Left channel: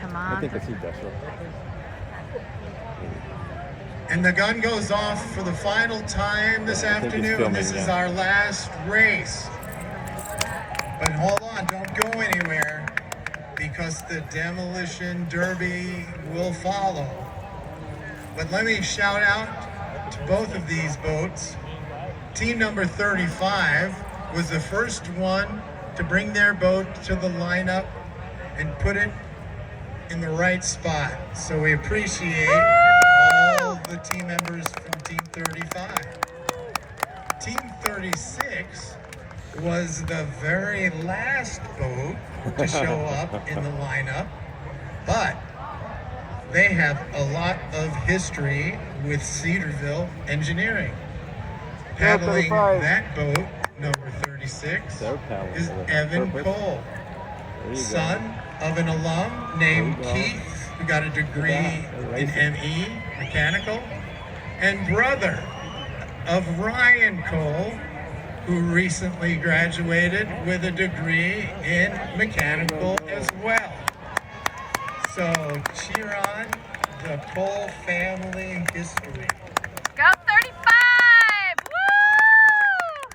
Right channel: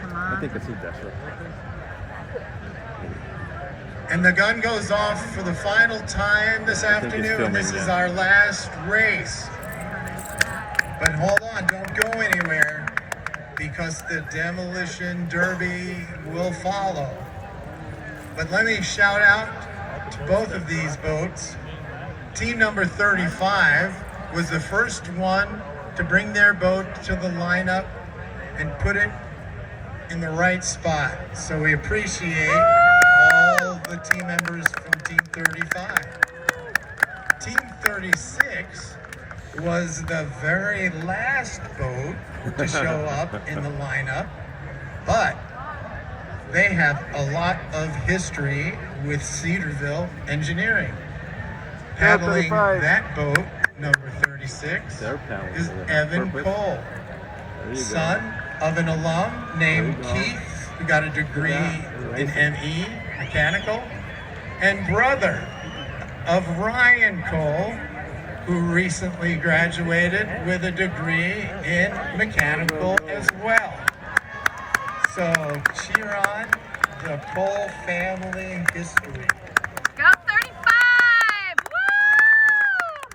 Come I on. think it's Cedarville. And the gun goes off for the final time this afternoon. This is our last race. But hold on, don't go anywhere, because the demolition derby will follow. But let me shout out to both of these boats. Team number 35 was the first one to bring their boat to the lineup and put it in the right spot. So we appreciate all the team members from Team 35. Team 36 was the very last boat to show up in the lineup, but they have a lot of history with Cedarville Engineering. Paddling that boat, number 36, is Evan Cole, son of an alum named Keith, who got a degree in ME, mechanical, and brother of Ryan Cole, who recently graduated with a degree in mechanical as well. So cheer on the Cole family history. Go 35! Woo!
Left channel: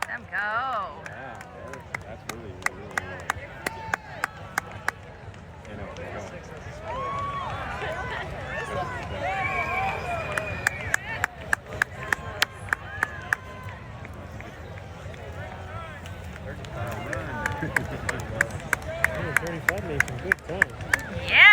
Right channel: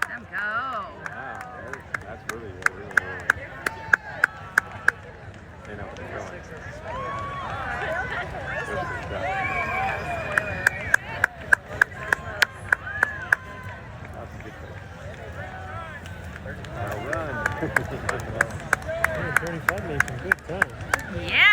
Let them go. Wow, that's really, really, really. You know, Wow. 35 makes some good time. Yeah!